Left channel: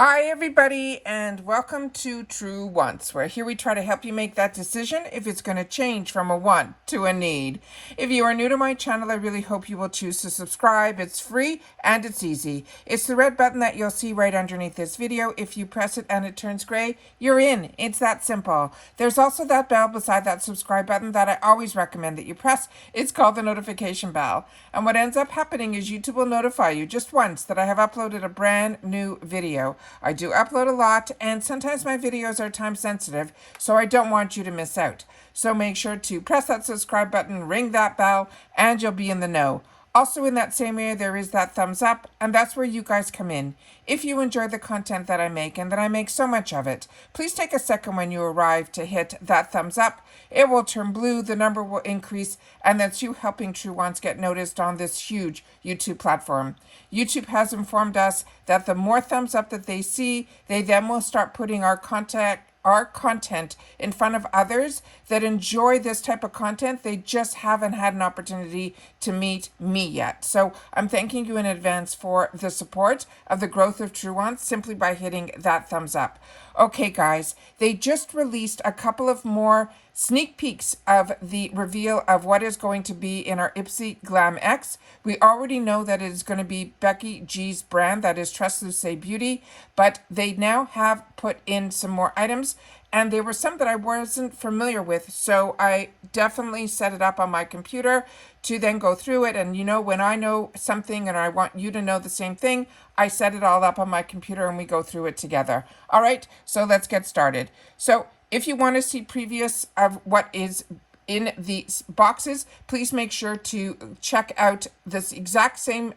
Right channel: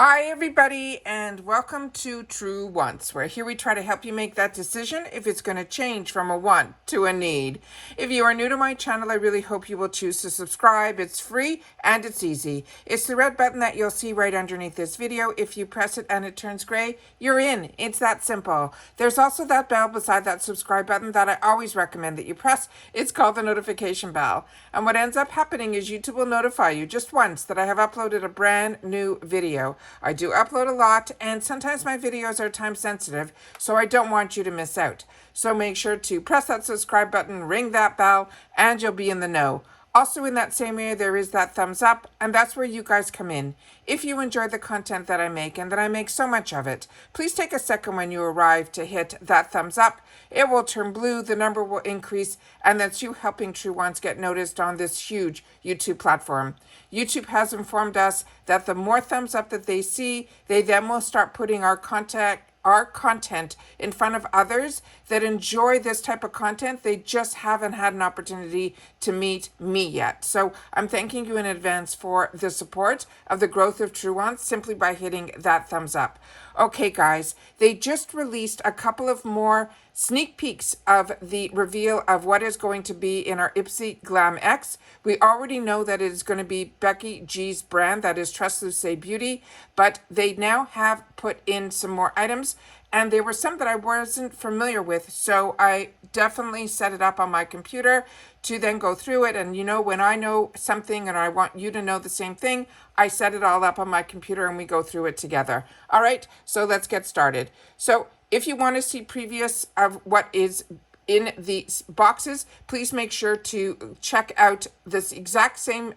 Hi everybody and welcome to True Wants, where here we try to help you make that decision if it's going to change from a want to a need. If you are new to my channel, I really hope you will choose to subscribe. It's free and it's easy. It's the red button that you'll see right underneath this video. If you press it and it turns gray, you're in. It's that simple. There's also that bell beside that subscribe button that I always recommend that you press. It's called the notification bell. And what ends up happening is YouTube will notify you just once that I have uploaded a brand new video. I do upload a lot, and sometimes my videos are time sensitive, so I don't want you to miss out. So make sure to press that subscribe button, ring that bell, and you'll be in the know. Also in that same area, there is that thumbs up, and that's where you guys come in. If you enjoy the content that I make, and that I make so much of it, please take a second when you arrive to hit that thumbs up. It will turn blue, the number will increase, and that's you helping True Wants get noticed on this huge YouTube platform. YouTube has informed us that the more thumbs up that they see, they then will start putting our content in front of others that enjoy this type of content. They just haven't had an opportunity to meet me yet. So I'm thanking you in advance for the support of the growth of True Wants simply by hitting that thumbs up. Okay, guys, they just released a couple of more sneak peeks of the reveal of what is going to be in our IPSY Glam X. We already know that it is going to be Becky G's brand, that is Translucent Beauty, but they now have put in some more items, and there were some that I wasn't familiar with, so I definitely set it up on my computer to then go through it. And you know, when I know something and I want you to know the same thing, I set it all up on my computer and we go through it together. All right, so let's get started. So if you want to see previous of what is in the boxes, please make sure to check out this exact same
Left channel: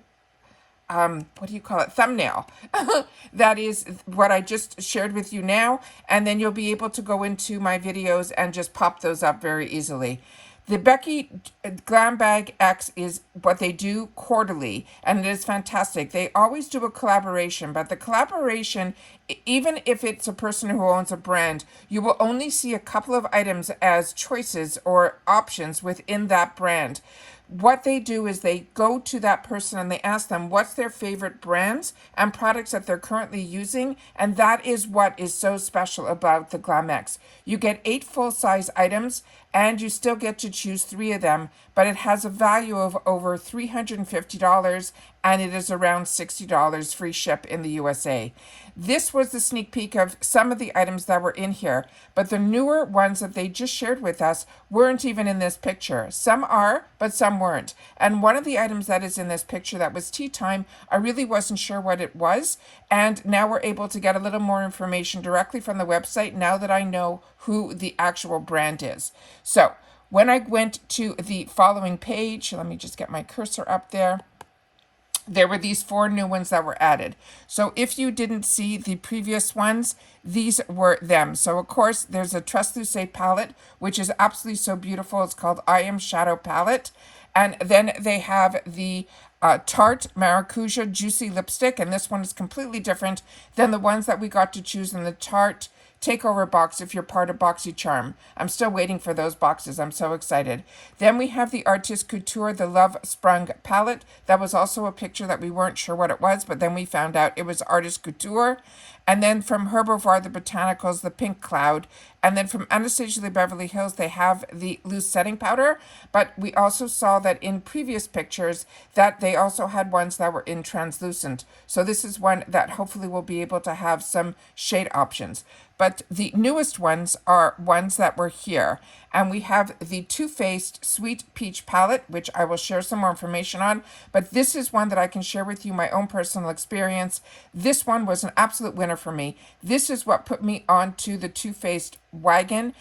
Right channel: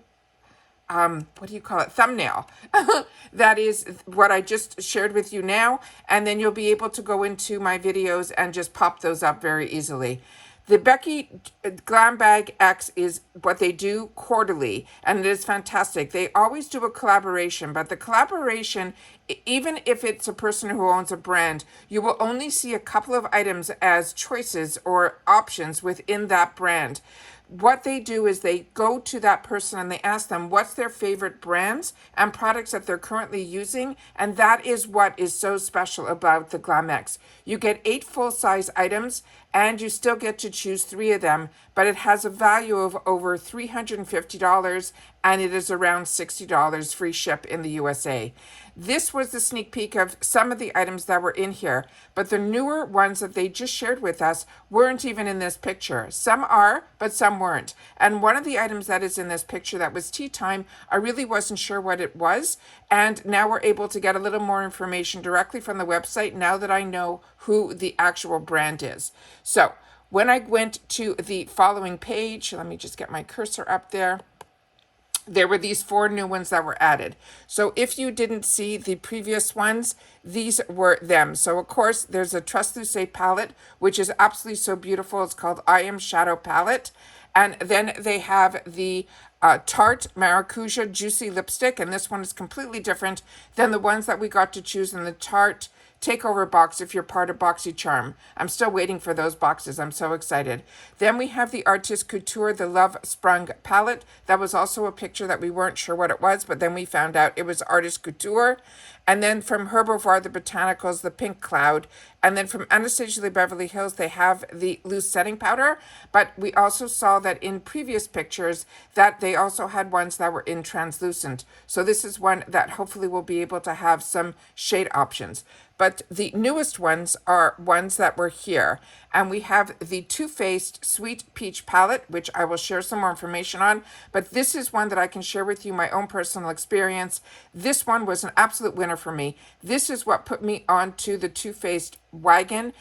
thumbnail. That is what I just shared with you now, and then you'll be able to go into my videos and just pop those up very easily. The Becky Glam Bag X is what they do quarterly, and it is fantastic. They always do a collaboration, but the collaboration, even if it's a person who owns a brand, you will only see a couple of items as choices or options within that brand. What they do is they go to that person and they ask them what's their favorite brands and products that they're currently using, and that is what is so special about the Glam X. You get 8 full-size items, and you still get to choose 3 of them, but it has a value of over $350, and it is around $60 free ship in the USA. This was the sneak peek of some of the items that were in here, but the newer ones that they just shared with us weren't even in this picture. Some are, but some weren't. And one of the items that is in this picture that was tea time, I really wasn't sure what it was, and now we're able to get a little more information directly from the website now that I know who the actual brand is. So when I went to the following page, let me just get my cursor up there. There were these 4 new ones that were added. So if you didn't see the previous ones, these were them. So of course, there's a Translucent palette, which is absolutely so beautiful. It's called Eyeshadow palette. And then they have the Tarte Maracuja Juicy Lipstick, and this one is completely different than the ones that we got to choose in the Tarte Takeover box if you're part of BoxyCharm. I'm still waiting for those boxes. I'm so excited. Then we have the Artist Couture, the Love Sprung palette. That was also a picture that we weren't sure what it was, but then we found out it was Artist Couture. And then from Herbivore, the Botanicals, the Pink Cloud. And then from Anastasia Beverly Hills, they have the loose setting powder. But we also saw that in previous pictures that they also had ones that were in translucent. So this is one that hopefully will be able to have some shade options. But the newest ones are ones that were here. And we have the Too Faced Sweet Peach palette, which I will share some more information on. But this is one that I can share with you my own personal experience. This one was an absolute winner for me. This is what put me onto the Too Faced wagon.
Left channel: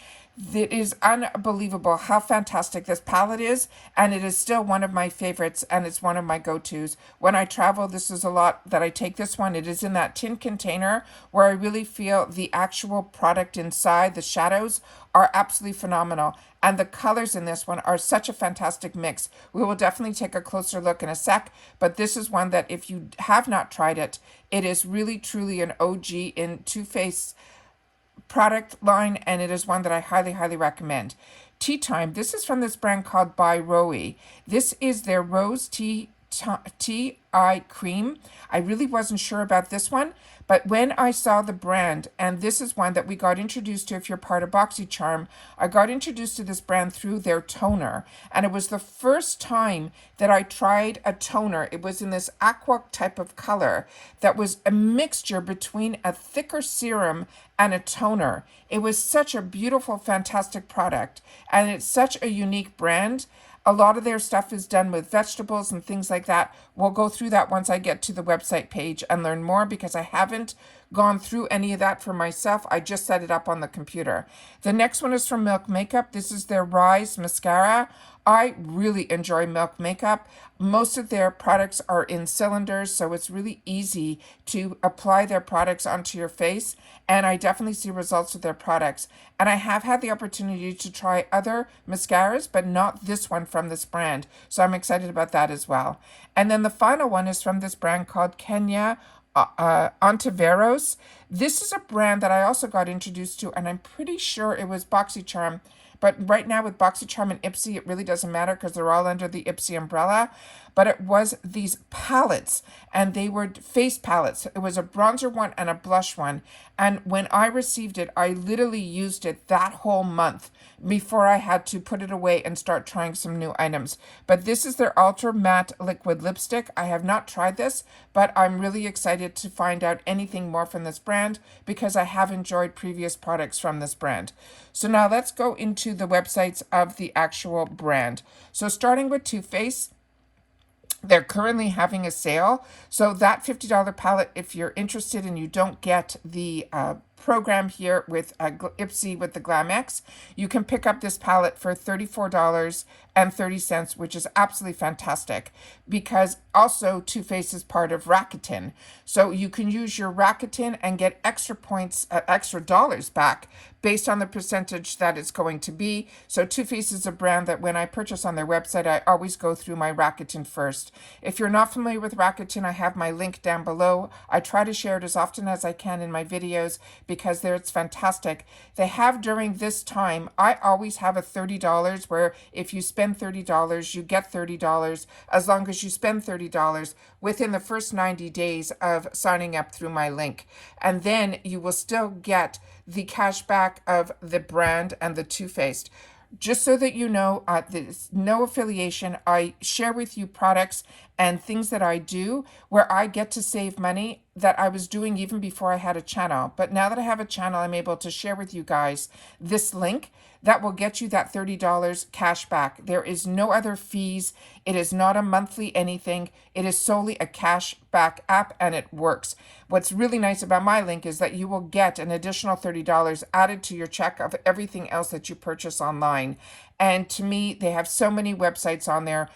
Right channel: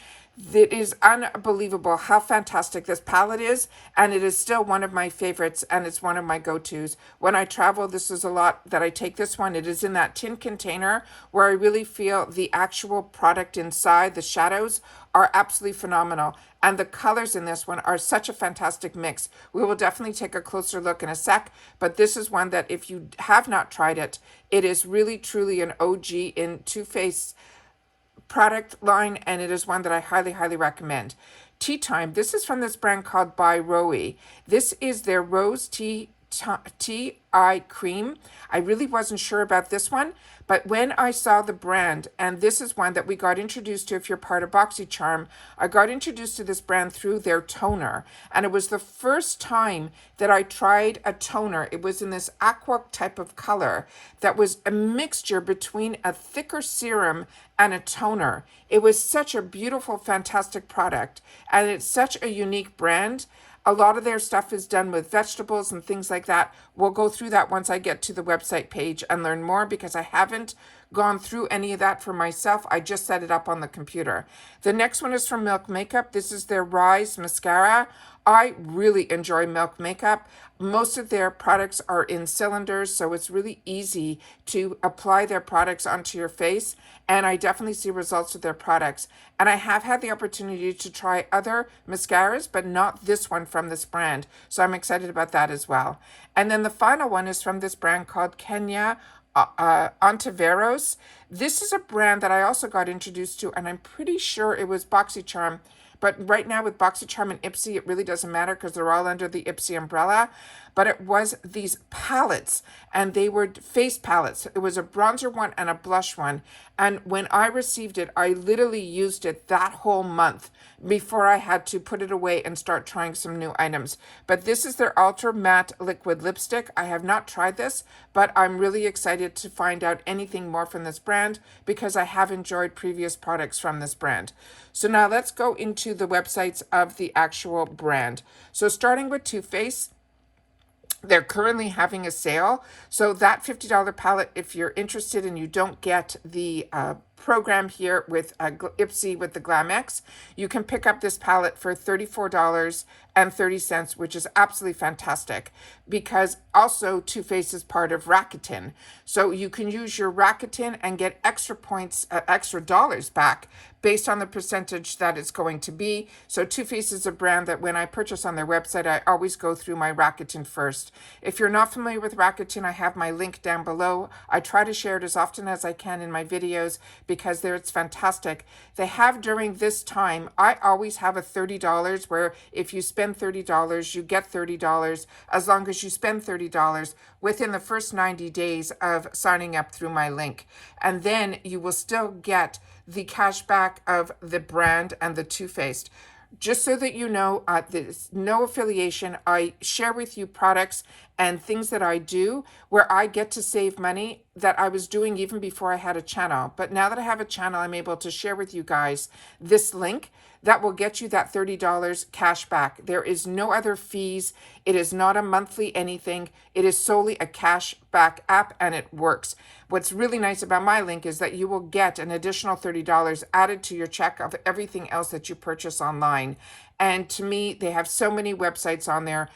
It is unbelievable how fantastic this palette is, and it is still one of my favorites, and it's one of my go-tos. When I travel, this is a lot that I take this one. It is in that tin container where I really feel the actual product inside, the shadows, are absolutely phenomenal. And the colors in this one are such a fantastic mix. We will definitely take a closer look in a sec, but this is one that if you have not tried it, it is really truly an OG in Too Faced product line, and it is one that I highly recommend. Tea Time, this is from this brand called By Roe. This is their Rose Tea Tea Eye Cream. I really wasn't sure about this one, but when I saw the brand, and this is one that we got introduced to if you're part of BoxyCharm, I got introduced to this brand through their toner. And it was the first time that I tried a toner. It was in this aqua type of color that was a mixture between a thicker serum and a toner. It was such a beautiful, fantastic product. And it's such a unique brand. A lot of their stuff is done with vegetables and things like that. We'll go through that once I get to the website page and learn more, because I haven't gone through any of that for myself. I just set it up on the computer. The next one is from Milk Makeup. This is their Rise Mascara. I really enjoy Milk Makeup. Most of their products are in cylinders, so it's really easy to apply their products onto your face. And I definitely see results with their products. And I have had the opportunity to try other mascaras, but not this one from this brand. So I'm excited about that as well. And then the final one is from this brand called Kenya On Traveros. This is a brand that I also got introduced to, and I'm pretty sure it was BoxyCharm. But right now with BoxyCharm and IPSY, it really doesn't matter because they're all under the IPSY umbrella. But it was these palettes, and they were face palettes. It was a bronzer one and a blush one. And when I received it, I literally used it that whole month before I had to put it away and start trying some new items. But this is their Ultra Matte Liquid Lipstick. I have not tried this, but I'm really excited to find out anything more from this brand because I have enjoyed previous products from this brand. So now let's go into the websites of the actual brand. So starting with Too Faced, they're currently having a sale. So that $50 palette, if you're interested and you don't get the program here with IPSY with the Glam X, you can pick up this palette for $34.30, which is absolutely fantastic because also Too Faced is part of Rakuten. So you can use your Rakuten and get extra points, extra dollars back based on the percentage that it's going to be. So Too Faced is a brand that when I purchase on their website, I always go through my Rakuten first. If you're not familiar with Rakuten, I have my link down below. I try to share it as often as I can in my videos because there it's fantastic. They have during this time, I always have a $30 where if you spend $30, you get $30 as long as you spend $30 within the first 90 days of signing up through my link. And then you will still get the cash back of the brand and the Too Faced. Just so that you know, there's no affiliation. I share with you products and things that I do where I get to save money that I was doing even before I had a channel. But now that I have a channel, I'm able to share with you guys this link that will get you that $30 cash back. There is no other fees. It is not a monthly anything. It is solely a cash back app and it works. What's really nice about my link is that you will get an additional $30 added to your check of everything else that you purchase online. And to me, they have so many websites on there,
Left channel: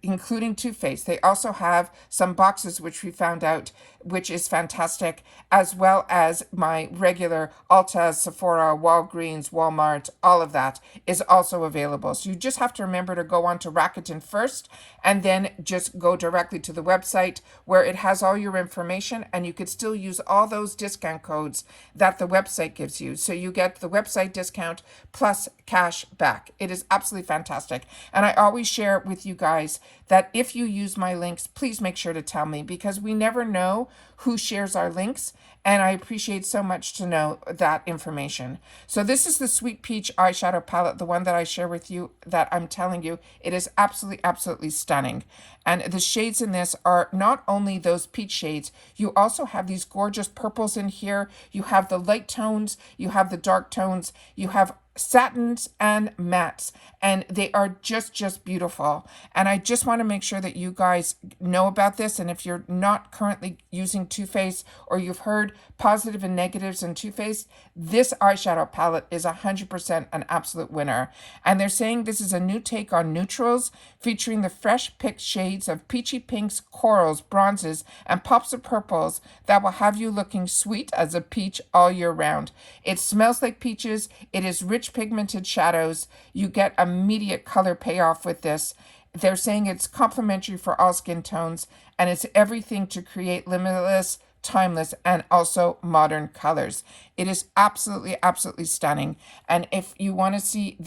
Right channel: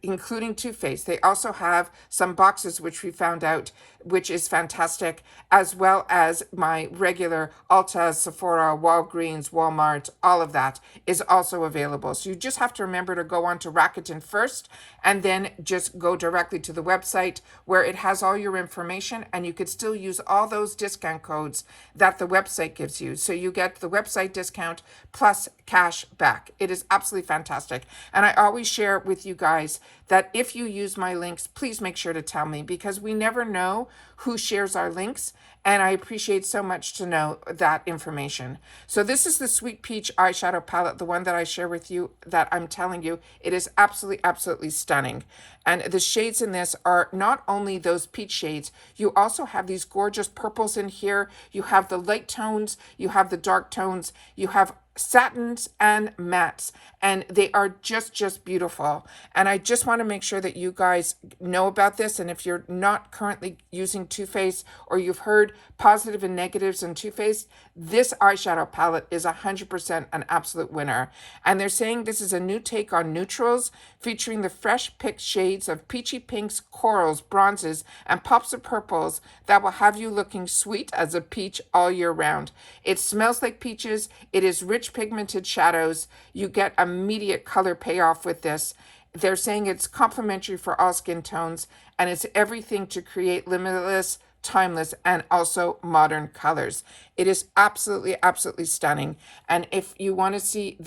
including Too Faced. They also have some boxes, which we found out, which is fantastic, as well as my regular Ulta, Sephora, Walgreens, Walmart, all of that is also available. So you just have to remember to go on to Rakuten first, and then just go directly to the website where it has all your information, and you could still use all those discount codes that the website gives you. So you get the website discount plus cash back. It is absolutely fantastic. And I always share with you guys that if you use my links, please make sure to tell me because we never know who shares our links. And I appreciate so much to know that information. So this is the Sweet Peach eyeshadow palette, the one that I share with you that I'm telling you, it is absolutely, absolutely stunning. And the shades in this are not only those peach shades, you also have these gorgeous purples in here. You have the light tones, you have the dark tones, you have satins and mattes, and they are just beautiful. And I just want to make sure that you guys know about this. And if you're not currently using Too Faced or you've heard positive and negatives on Too Faced, this eyeshadow palette is 100% an absolute winner. And they're saying this is a new take on neutrals featuring the fresh picked shades of peachy pinks, corals, bronzes, and pops of purples that will have you looking sweet as a peach all year round. It smells like peaches. It is rich pigmented shadows. You get immediate color payoff with this. They're saying it's complementary for all skin tones, and it's everything to create limitless, timeless, and also modern colors. It is absolutely, absolutely stunning. And if you want to see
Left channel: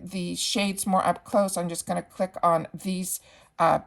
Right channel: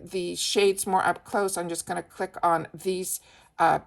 the shades more up close, I'm just going to click on these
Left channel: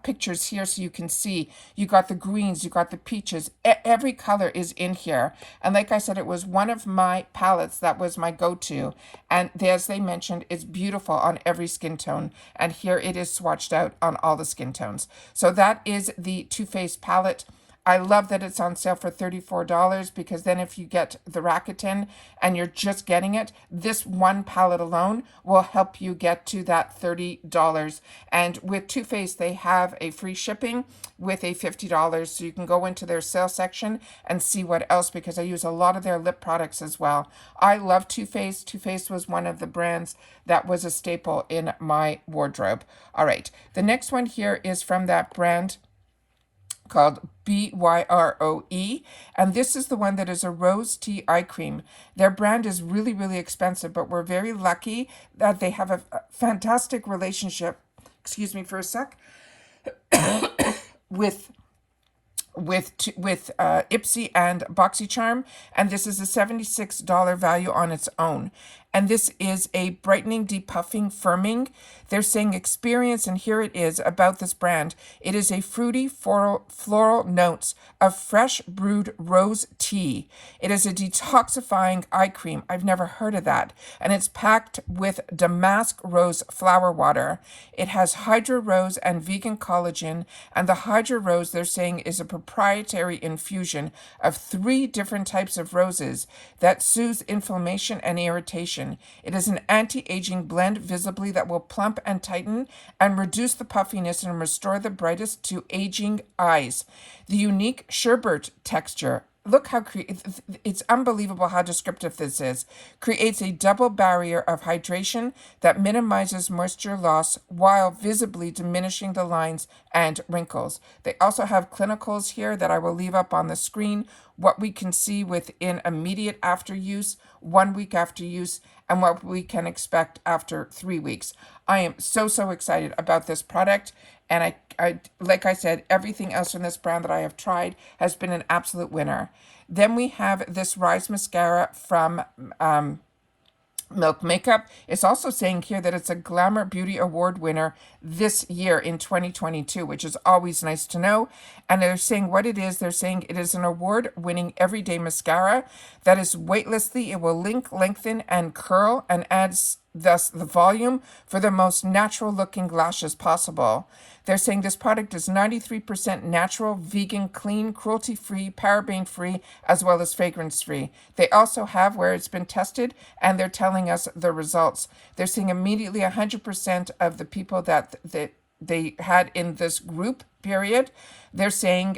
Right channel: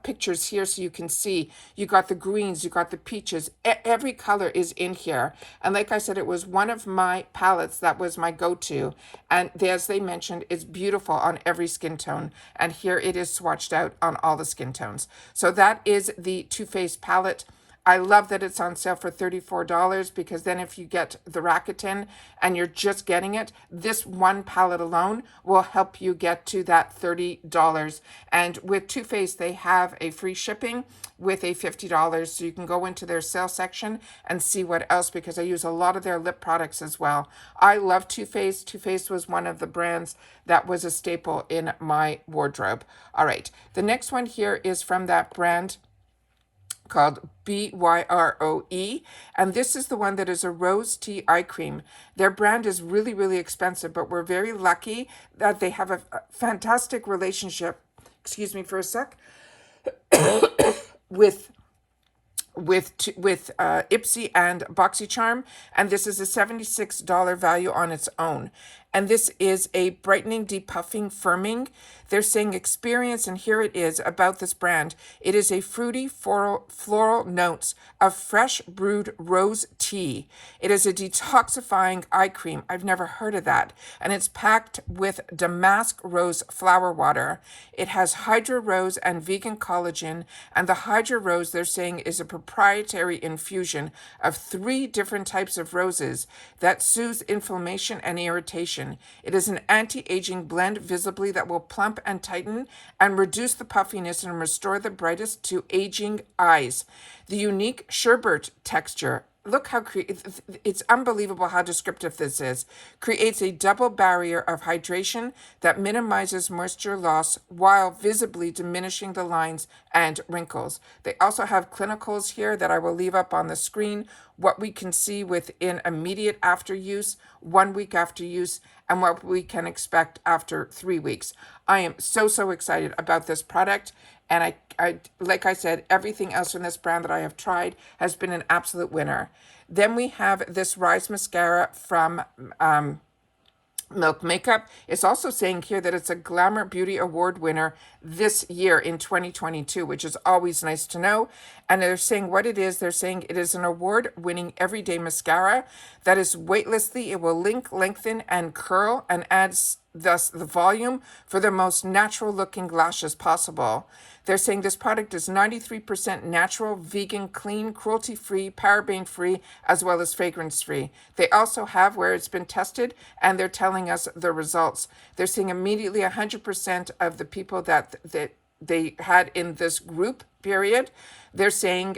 pictures here so you can see. You got the greens, you got the peaches. Every color is in here. And like I said, it was one of my palettes that was my go-to. And as they mentioned, it's beautiful on every skin tone. And here it is swatched out on all the skin tones. So that is the Too Faced palette. I love that it's on sale for $34 because then if you get the Rakuten and you're just getting it, this one palette alone will help you get to that $30. And with Too Faced, they have a free shipping with a $50. So you can go into their sale section and see what else, because I use a lot of their lip products as well. I love Too Faced. Too Faced was one of the brands that was a staple in my wardrobe. All right, the next one here is from that brand called BYROE, and this is the one that is a rose tea eye cream. Their brand is really, really expensive, but we're very lucky that they have a fantastic relationship, excuse me for a sec, with IPSY and BoxyCharm, and this is a $76 value on its own. And this is a brightening, depuffing, firming. They're saying experience, and here it is about this brand. It is a fruity floral notes of fresh brewed rose tea. It is a detoxifying eye cream. I've never heard of that. And it's packed with damask rose flower water. It has hydro rose and vegan collagen. And the hydro rose, they're saying, is a proprietary infusion of 3 different types of roses that soothes inflammation and irritation. It is an anti-aging blend visibly that will plump and tighten and reduce the puffiness and restore the brightest to aging eyes. The unique sherbet texture, look how it's unbelievable how descriptive this is, creates a double barrier of hydration that minimizes moisture loss while visibly diminishing the lines and wrinkles. They also have clinicals here that I will leave up on the screen, what we can see within immediate after use, 1 week after use, and what we can expect after 3 weeks. I am so excited about this product, and I like I said, everything else from this brand that I have tried has been an absolute winner. Then we have this Rise Mascara from Milk Makeup. It's also saying here that it's a Glamour Beauty Award winner this year in 2022, which is always nice to know. And they're saying what it is. They're saying it is an award-winning everyday mascara that is weightlessly. It will lengthen, and curl, and adds thus the volume for the most natural looking lashes possible. They're saying this product is 93% natural, vegan, clean, cruelty-free, paraben-free, as well as fragrance-free. They also have where it's been tested, and they're telling us the results. They're saying immediately 100% of the people that they had in this group period, they're saying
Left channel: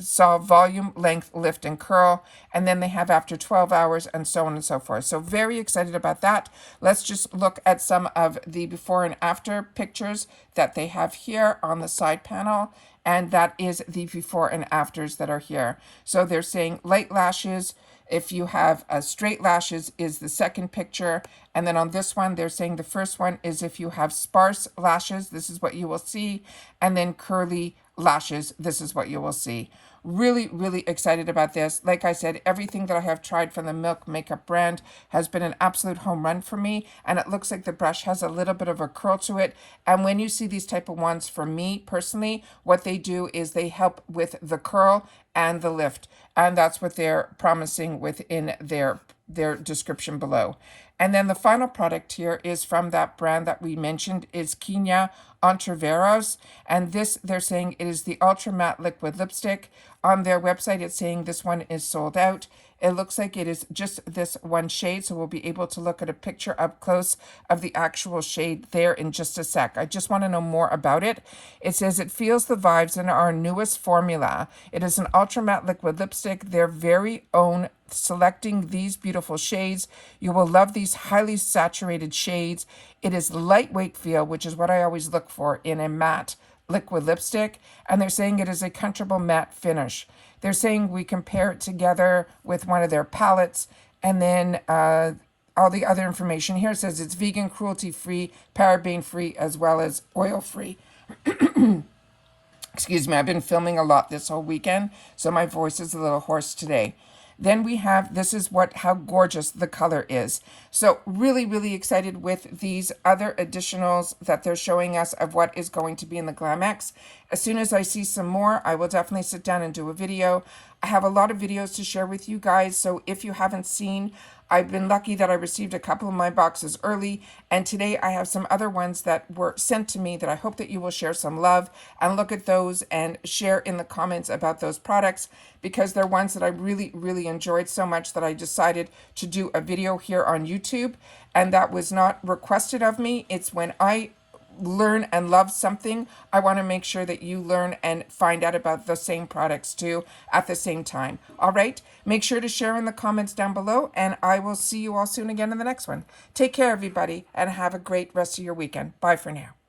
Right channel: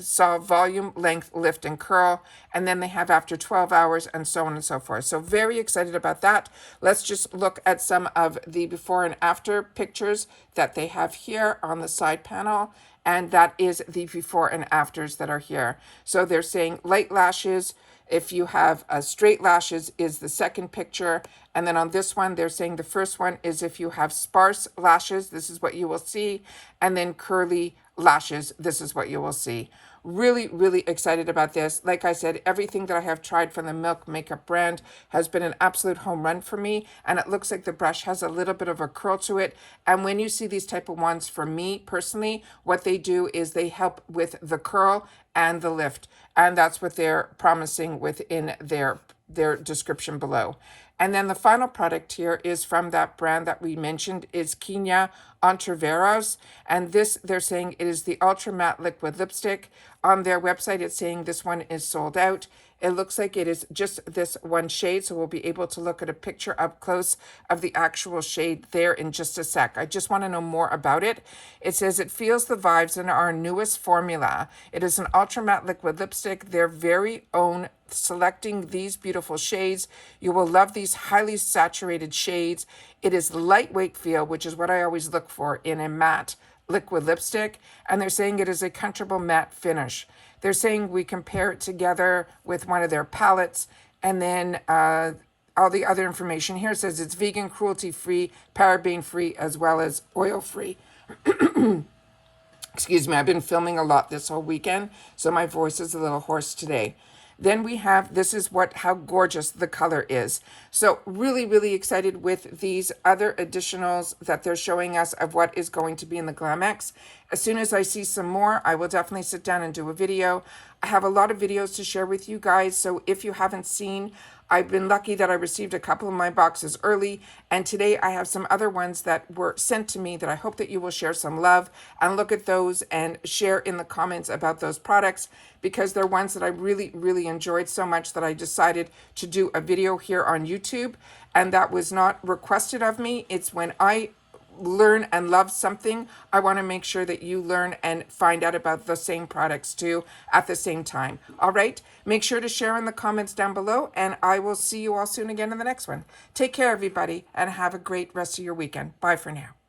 saw volume, length, lift, and curl, and then they have after 12 hours, and so on and so forth. So very excited about that. Let's just look at some of the before and after pictures that they have here on the side panel, and that is the before and afters that are here. So they're saying light lashes, if you have straight lashes, is the second picture. And then on this one, they're saying the first one is if you have sparse lashes, this is what you will see. And then curly lashes, this is what you will see. Really excited about this. Like I said, everything that I have tried from the Milk Makeup brand has been an absolute home run for me. And it looks like the brush has a little bit of a curl to it. And when you see these type of ones, for me personally, what they do is they help with the curl and the lift. And that's what they're promising within their description below. And then the final product here is from that brand that we mentioned, is Kenya On Traveros. And this, they're saying it is the Ultra Matte Liquid Lipstick. On their website, it's saying this one is sold out. It looks like it is just this one shade, so we'll be able to look at a picture up close of the actual shade there in just a sec. I just want to know more about it. It says it feels the vibes in our newest formula. It is an ultra matte liquid lipstick, their very own, selecting these beautiful shades. You will love these highly saturated shades. It is lightweight feel, which is what I always look for in a matte liquid lipstick, and they're saying it is a comfortable matte finish. They're saying we compare it together with one of their palettes, and then all the other information here says it's vegan, cruelty-free, paraben-free, as well as oil-free. Excuse me, I've been filming a lot this whole weekend, so my voice is a little hoarse today. Then we have, this is how gorgeous the color is. So really, really excited with these other additionals that they're showing us of what is going to be in the Glam X. As soon as I see some more, I will definitely sit down and do a video. I have a lot of videos to share with you guys, so if you haven't seen, I've been lucky that I received a couple of my boxes early, and today I have some other ones that were sent to me that I hope that you will share some love and look at those and share in the comments about those products, because they're ones that I really, really enjoyed so much that I decided to do a video here on YouTube. And that was not requested of me. It's when I learn and love something, I want to make sure that you learn and find out about the same products too at the same time. All right, make sure to share in the comments down below, and I will see you all soon again in the next one. Take care, everybody, and have a great rest of your weekend. Bye for now.